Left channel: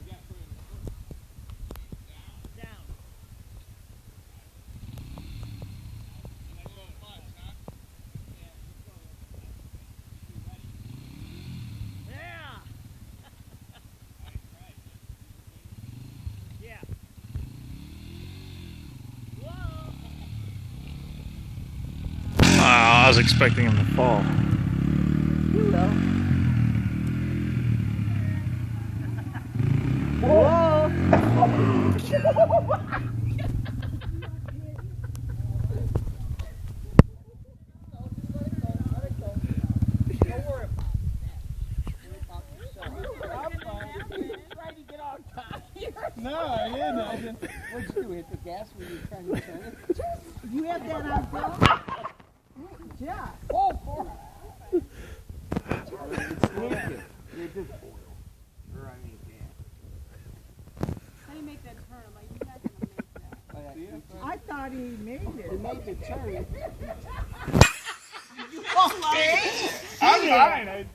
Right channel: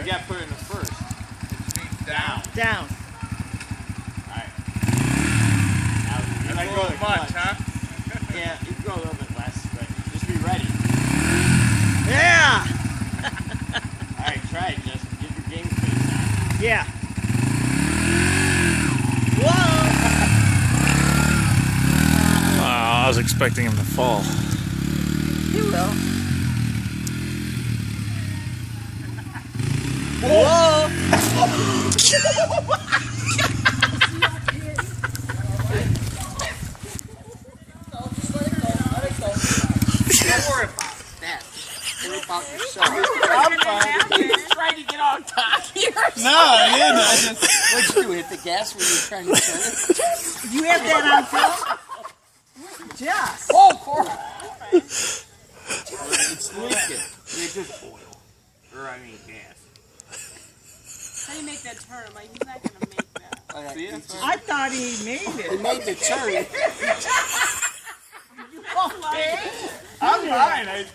You got to put it in the first. Down. Down. Alright. Now you go to the much, huh? Yeah, you can go a little bit less, but just be ready. Yeah. Alright, try it, Justin. Get your game face on. Yeah. Whoa. I was expecting him to fall. You will. Whoa. Don't worry about that. Worry about yourself. I'm fine. He's trying to get on top here. No, I didn't. I just. What'd you do? Hit the gas when you were trying to turn it? You have that on film? Just. Oh, poor. It's leaking. It's just oil. Or, I mean, gas. How do you make that turn? I'm like, he's not going to make that. See, I thought he made He it. made the turn. Okay. I'm fine.